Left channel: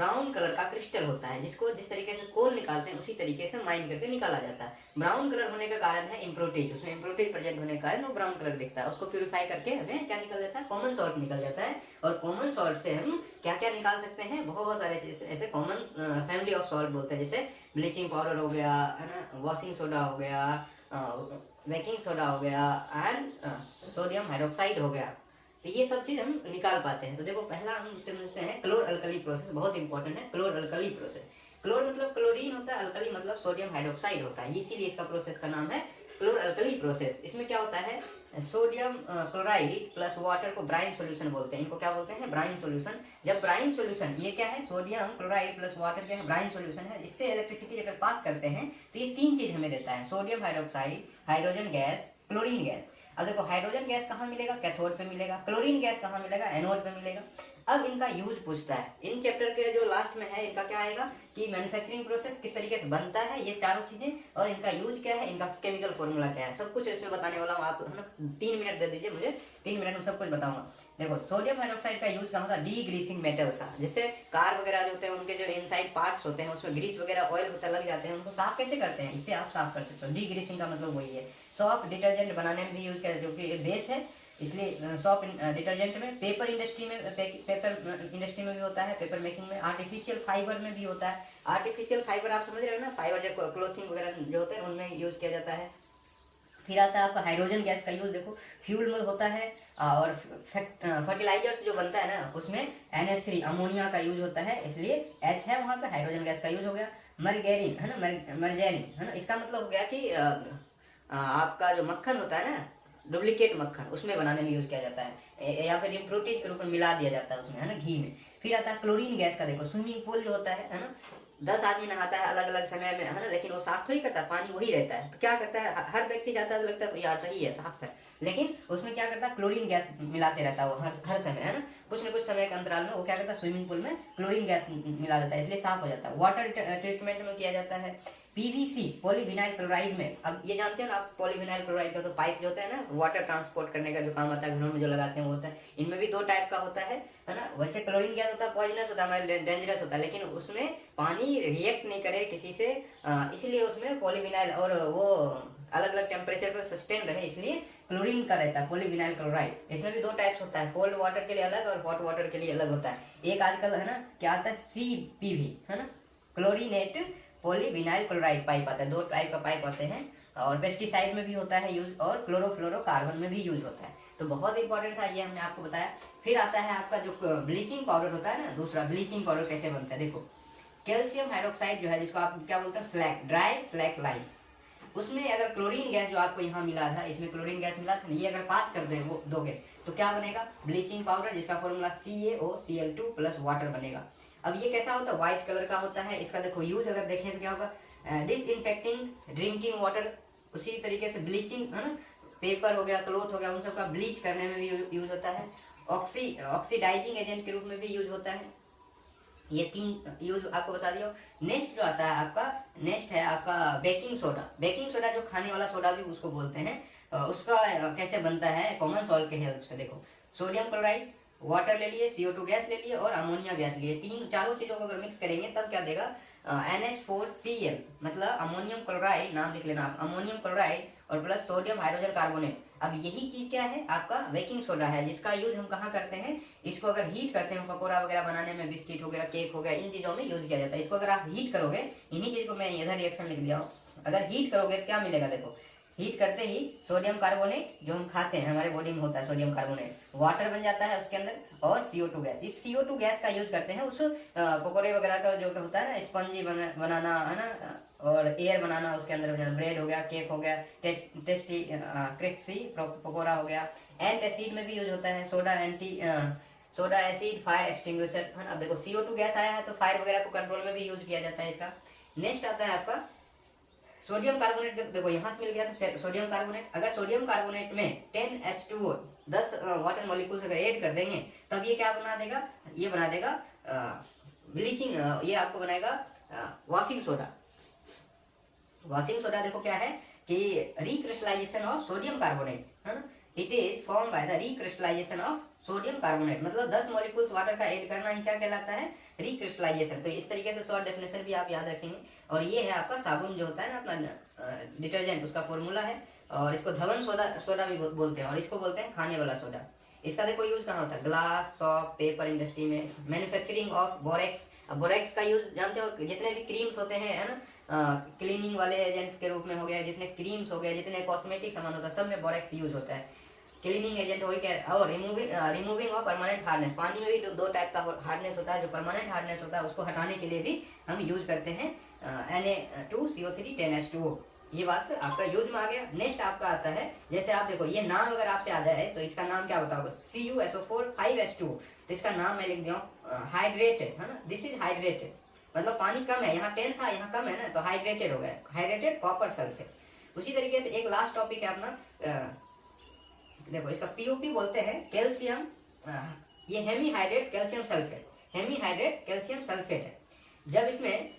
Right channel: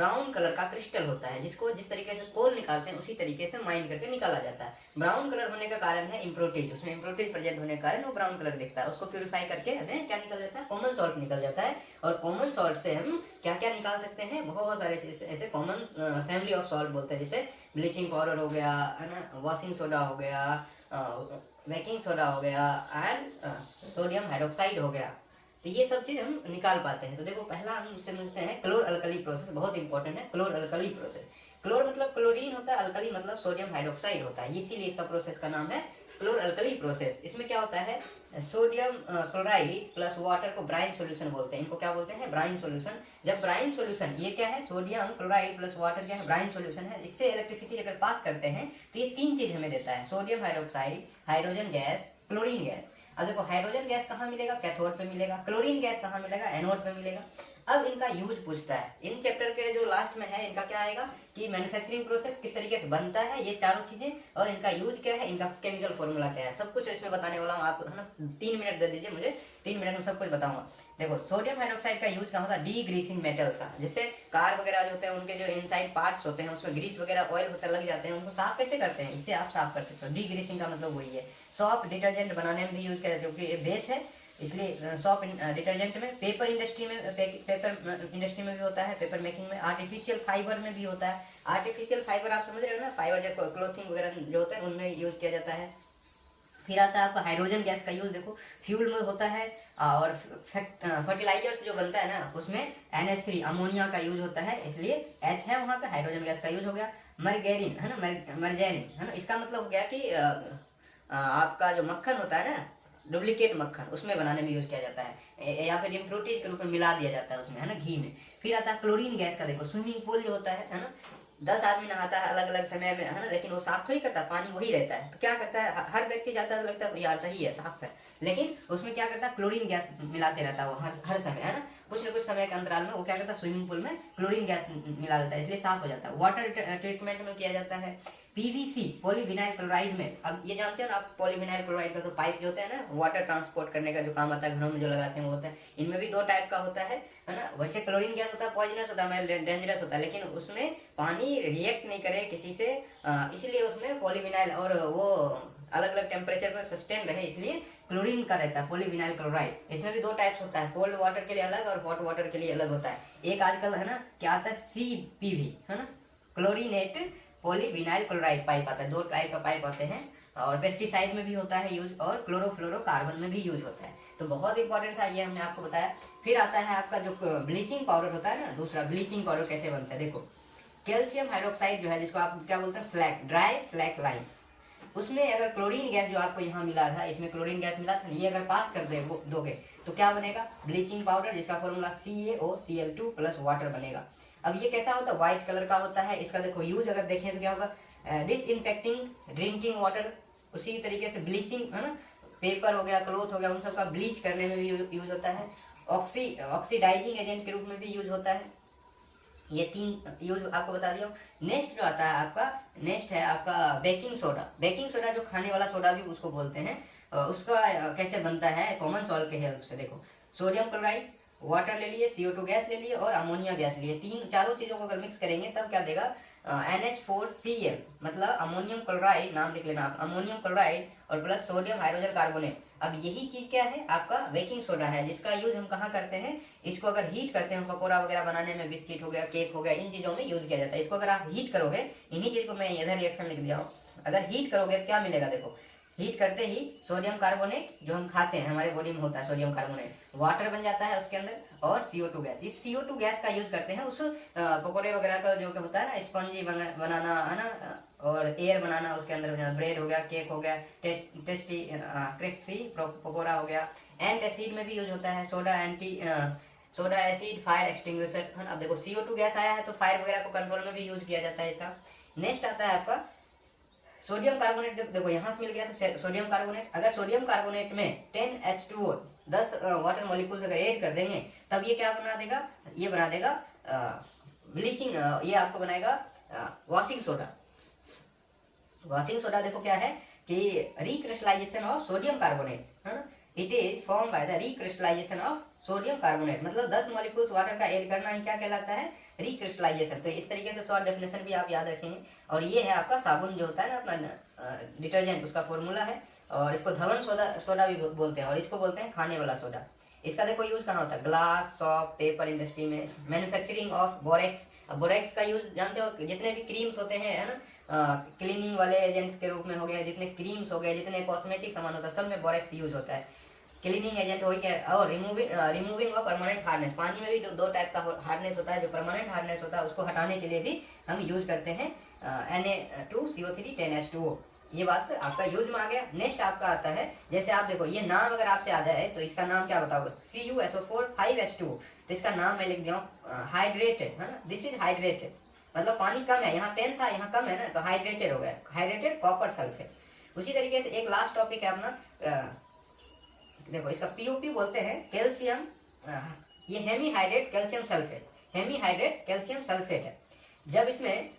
Brown colour का crystal होता है, जिसको जिस तरीके से कोल निकालते हैं उसी तरीके से माइन करके निकाला जाता है। ब्राउन कलर होने का कारण है इम्प्योरिटीज, उसमें इम्प्योरिटीज प्रेजेंट होने के कारण वो ब्राउन कलर दिखता है। उसको प्यूरिफाई करके हमें क्या निकल जाता है, कॉमन सॉल्ट निकल जाता है। और कॉमन सॉल्ट से हम क्या क्या निकाल सकते हैं, बहुत सारे ऐसे कॉमन फैमिली ऑफ सॉल्ट बोलते हैं, जैसे ब्लीचिंग पाउडर हो गया है ना, वॉशिंग सोडा हो गया, बेकिंग सोडा हो गया एंड सोडियम हाइड्रोक्साइड हो गया। तो ये सब चीज हम निकाल पाते हैं। तो देखो पहला हम समझते हैं क्लोर अल्कली प्रोसेस, बहुत इंपॉर्टेंट है क्लोर अल्कली प्रोसेस। क्लोर मतलब क्लोरीन होता है, अल्कली मतलब सोडियम हाइड्रोक्साइड होता है, इसीलिए इसका प्रोसेस का नाम है क्लोर अल्कली प्रोसेस। इसमें क्या होता है, सोडियम क्लोराइड प्लस वाटर को ब्राइन सॉल्यूशन बोलते हैं, इनको क्या बोलते हैं, ब्राइन सॉल्यूशन। जब ब्राइन सॉल्यूशन, ये क्या है, सोडियम क्लोराइड प्लस वाटर क्या है, ब्राइन सॉल्यूशन है, इससे इलेक्ट्रिसिटी अगर पास करते हैं तो ये तीन चीज हमें देता है, sodium hydroxide, hydrogen gas, chlorine gas. अब देखो हाइड्रोजन गैस कहाँ मिलेगा, कैथोड पे मिलेगा, क्लोरीन गैस कहाँ मिलेगा, एनोड पे मिलेगा। अब इनका यूज पूछता है, इन चैप्टर के जो लास्ट में है इनका क्या आएगा कि मैन्युफैक्चरिंग प्रोसेस किस तरीके से बनता है, ये चारों चीजें, और इनका यूज क्या है, इनका केमिकल फॉर्मूला क्या है, सब कुछ इसमें बताने वाला हूँ। आप है ना 3 मिनट दे दीजिए मुझे, 3 मिनट में सब कुछ बताऊंगा। देखो सोडियम हाइड्रोक्साइड का यूज कहाँ होता है, डी ग्रीसिंग मेटल्स का, जैसे कार वगैरह जो होते हैं उनके जो इनसाइड पार्ट्स होते हैं उसमें ग्रीस वगैरह ऑयल होता लग जाते हैं, उनको साफ कैसे करते हैं, इससे आप साफ कर सकते हो। डी ग्रीसिंग का मतलब वही है। सॉफ्ट डिटर्जेंट बनाने में भी यूज किया, जो कि बेस है, इसलिए सॉफ्ट डिटर्जेंट में, पेपर इंडस्ट्री में, पेपर इंडस्ट्री में भी होता है, पेपर मेकिंग में, आर्टिफिशियल फाइबर में भी होता है। आर्टिफिशियल फाइबर आप समझ रहे हो ना, फाइबर जो क्लोथिंग वगैरह जो होता है उनमें यूज किया जाता है। फिर आता है आपका हाइड्रोजन गैस का यूज, देखो फ्यूल में होता है, और फर्टिलाइजर्स जो बनता है ना उसमें NH3 अमोनिया का यूज होता है, इसलिए H है वहां पे, हाइड्रोजन गैस का यूज हो गया। मर्गेरिन है ना, मर्जेरिन है ना, इसका मतलब हो गया कि आपका जो मक्खन होता है ना, डुप्लीकेट मक्खन, उसमें बनाने में यूज किया जाता है, या फिर इम्प्योरिटीज के रूप में मिला दिया जाता है उसमें, है ना, घी में। फिर आता है क्लोरीन गैस का, देखो स्विमिंग पूल जो होता है ना, 10 आदमी नहाता है अलग अलग समय में, है ना, लेकिन वो साफ थोड़ी करता, पानी वही रहता है। तो क्या करता है, हर व्यक्ति जाता है तो लगता है यार सही है, साफ है, लेकिन उसमें क्या करता है, क्लोरीन गैस मिलाते रहता है वो हर समय, है ना, कुछ न कुछ समय के अंतराल में वो क्या करता है, स्विमिंग पूल में क्लोरीन गैस मिला देता है, इसलिए साफ हो जाता है। वाटर ट्रीटमेंट में किया जाता है। PVC पॉलीविनाइल क्लोराइड में, अब ये जानते हो ना आप, पॉलीविनाइल क्लोराइड का तो पाइप जो होता है ना, वाटर ट्रांसपोर्ट करने का जो काम आता है, घरों में जो लगाते हैं वो होता है। इनमें भी 2 टाइप का होता है ना। वैसे क्लोरीन गैस होता है पॉइजनस होता है, डेंजरस होता है, लेकिन उसमें पानी रिएक्ट नहीं करे किसी से, इसलिए उसमें पॉलीविनाइल, और वो अलग अलग टेम्परेचर पर सस्टेन रहे, इसलिए क्लोरीन का रहता है पॉलीविनाइल क्लोराइड। इसमें भी 2 टाइप्स होता है, कोल्ड वाटर के लिए अलग और हॉट वाटर के लिए अलग होता है। एक आजकल है ना क्या आता है, CPV है ना, क्लोरीनेट पॉलीविनाइल क्लोराइड पाइप आता है, 2 टाइप का पाइप आते हैं, और पेस्टिसाइड में भी होता है यूज, और क्लोरोफ्लोरोकार्बन में भी यूज होता है। तो बहुत इंपॉर्टेंट था, ये हमने आपको बताया। फिर आता है आपका जो ब्लीचिंग पाउडर होता है ना, दूसरा ब्लीचिंग पाउडर कैसे बनता है, देखो कैल्शियम हाइड्रोक्साइड जो है, जिसको आप क्या बोलते हैं, स्लैक, ड्राई स्लैक लाइन, उसमें अगर क्लोरीन गैस जो आपको यहाँ मिला था, इसमें क्लोरीन गैस मिला था, ये अगर पास कर दोगे तो क्या बनेगा, ब्लीचिंग पाउडर, जिसका फॉर्मूला CaOCl2 प्लस वाटर बनेगा। अब ये कैसा होता है, व्हाइट कलर का होता है। इसका देखो यूज अगर देखें तो क्या होगा, डिसइंफेक्टिंग ड्रिंकिंग वाटर, उसी तरीके से ब्लीचिंग है ना, पेपर हो गया, क्लोथ हो गया, उन सबका ब्लीच करने में भी यूज होता है। ऑक्सीडाइजिंग एजेंट के रूप में भी यूज होता है। ये 3 यूज आपको बता दिया। नेक्स्ट जो आता है आपका, नेक्स्ट है आपका बेकिंग सोडा। बेकिंग सोडा जो खाने वाला सोडा भी उसको बोलते हैं, उसका कैसे बनता है, कॉमन सॉल्ट के हेल्प से। देखो सोडियम क्लोराइड, वाटर ले लिए, CO2 गैस ले लिए, और अमोनिया गैस लिए, चारों चीजों को अगर मिक्स करेंगे तब क्या देगा, NH4Cl, मतलब अमोनियम क्लोराइड, नाम लिख लेना आप, अमोनियम क्लोराइड और प्लस सोडियम हाइड्रोजन कार्बोनेट। अब यही चीज क्या है, आपका बेकिंग सोडा है, जिसका यूज हम कहाँ करते हैं, इसको अगर हीट करते हैं, पकौड़ा वगैरह बनाने में, बिस्किट हो गया, केक हो गया, इन चीजों में यूज किया जाता है। इसको अगर आप हीट करोगे, इन्हीं चीज को मैं इधर रिएक्शन लिख दिया हूँ, अगर हीट करोगे तो क्या मिलेगा, देखो हीट करते ही सोडियम कार्बोनेट जो हम खाते हैं, हमारे बॉडी में होता है सोडियम कार्बोनेट, वाटर बन जाता है उसके अंदर, और CO2 गैस। इस CO2 गैस का यूज करते हैं उस पकौड़े वगैरह का जो होता है ना, स्पंजी बनाना है ना, और एयर बनाना उसके अंदर, ब्रेड हो गया, केक हो गया, टेस्टी क्रिस्पी पकौड़ा हो गया। एंटासिड में भी यूज होता है, सोडा एसिड, फायर एक्सटिंग्विशर है ना। अब देखो CO2 गैस आया है तो फायर वगैरह को कंट्रोल में भी यूज किया जाता है इसका। नेक्स्ट आता है आपका सोडियम कार्बोनेट। देखो यहाँ से मिल गया था सोडियम कार्बोनेट, अगर सोडियम कार्बोनेट में 10H2O 10 वाटर मॉलिक्यूल्स अगर ऐड कर देंगे तब ये क्या बना देगा, ये बना देगा ब्लीचिंग, ये आपको बनाएगा वॉशिंग सोडा। वॉशिंग सोडा देखो क्या है कि recrystallisation of sodium carbonate, it is form by the recrystallisation of sodium carbonate, मतलब 10 मॉलिक्यूल्स वाटर का ऐड करना ही क्या कहलाता है, रिक्रिस्टलाइजेशन। तो इस तरीके से शॉर्ट डेफिनेशन भी आप याद रखेंगे। और ये है आपका साबुन जो होता है ना अपना डिटर्जेंट, उसका फॉर्मूला है। और इसको धवन सोडा भी बोलते हैं, और इसको बोलते हैं खाने वाला सोडा। इसका देखो यूज कहाँ होता है, ग्लास, सॉप, पेपर इंडस्ट्री में, मैन्युफैक्चरिंग ऑफ बोरेक्स। अब बोरेक्स का यूज जानते हो, जितने भी क्रीम्स होते हैं है ना, क्लीनिंग वाले एजेंट्स के रूप में हो गया, जितने क्रीम्स हो गए, जितने कॉस्मेटिक सामान होता है, सब में बोरेक्स यूज होता है। क्लीनिंग एजेंट हो गया। और रिमूविंग ऑफ परमानेंट हार्डनेस, पानी में भी दो टाइप का हार्डनेस होता है, जो परमानेंट हार्डनेस होता है उसको हटाने के लिए भी हम यूज करते हैं Na2CO3 10H2O। ये बात आपका यूज में आ गया। नेक्स्ट आपका आता है, जैसे आप देखो ये नाम अगर आपसे आ जाए तो इसका नाम क्या बताओगे, CuSO4 5H2O। तो इसका नाम मैं लिख दिया हाइड्रेटेड, है ना, दिस इज हाइड्रेटेड, मतलब पानी कम है, यहाँ 10 था यहाँ कम है ना, तो हाइड्रेटेड हो गया, हाइड्रेटेड कॉपर सल्फेट। उसी तरीके से एक लास्ट टॉपिक है अपना, देखो इसका POP बोलते हैं, कैल्शियम, ये hemihydrate calcium sulphate, hemihydrate calcium sulphate है। जब इसमें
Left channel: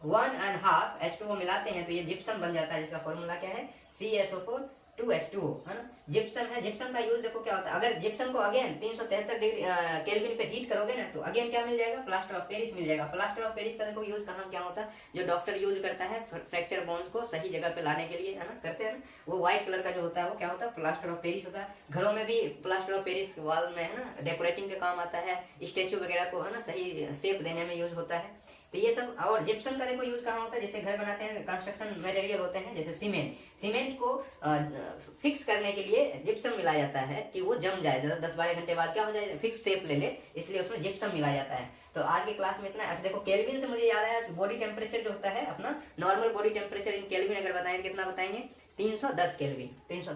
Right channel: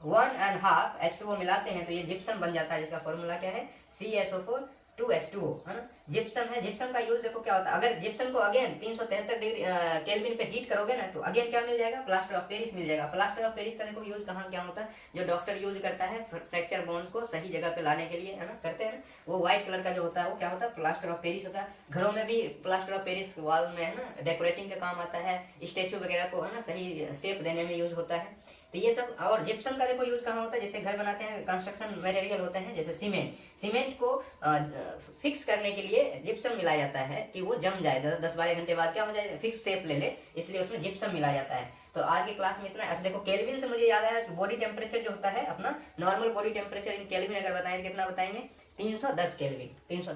1.5 H2O मिलाते हैं तो ये जिप्सम बन जाता है, जिसका फॉर्मूला क्या है, CSO4 2H2O, है ना, जिप्सम है। जिप्सम का यूज देखो क्या होता है, अगर जिप्सम को अगेन 373 डिग्री केल्विन पे हीट करोगे ना, तो अगेन क्या मिल जाएगा, प्लास्टर ऑफ पेरिस मिल जाएगा। प्लास्टर ऑफ पेरिस का देखो यूज कहाँ क्या होता है, जो डॉक्टर यूज करता है फ्रैक्चर बोन्स को सही जगह पे लाने के लिए, है ना, करते हैं ना, वो व्हाइट कलर का जो होता है वो क्या होता है, प्लास्टर ऑफ पेरिस होता है। घरों में भी प्लास्टर ऑफ पेरिस वॉल में, है ना, डेकोरेटिंग के काम आता है, स्टेचू वगैरह को, है ना, सही शेप देने में यूज होता है। तो ये सब। और जिप्सम का देखो यूज कहाँ होता है, जैसे घर बनाते हैं, कंस्ट्रक्शन मटेरियल होते हैं, जैसे सीमेंट, सीमेंट को फिक्स करने के लिए जिप्सम मिलाया जाता है कि वो जम जाए, 10-12 घंटे बाद क्या हो जाए, फिक्स शेप ले, इसलिए उसमें जिप्सम मिलाया जाता है। तो आज की क्लास में इतना। ऐसे देखो केल्विन से मुझे याद आया, बॉडी टेम्परेचर जो होता है अपना, normal body temperature in kelvin अगर बताएंगे कितना बताएंगे, 310 केल्विन, 310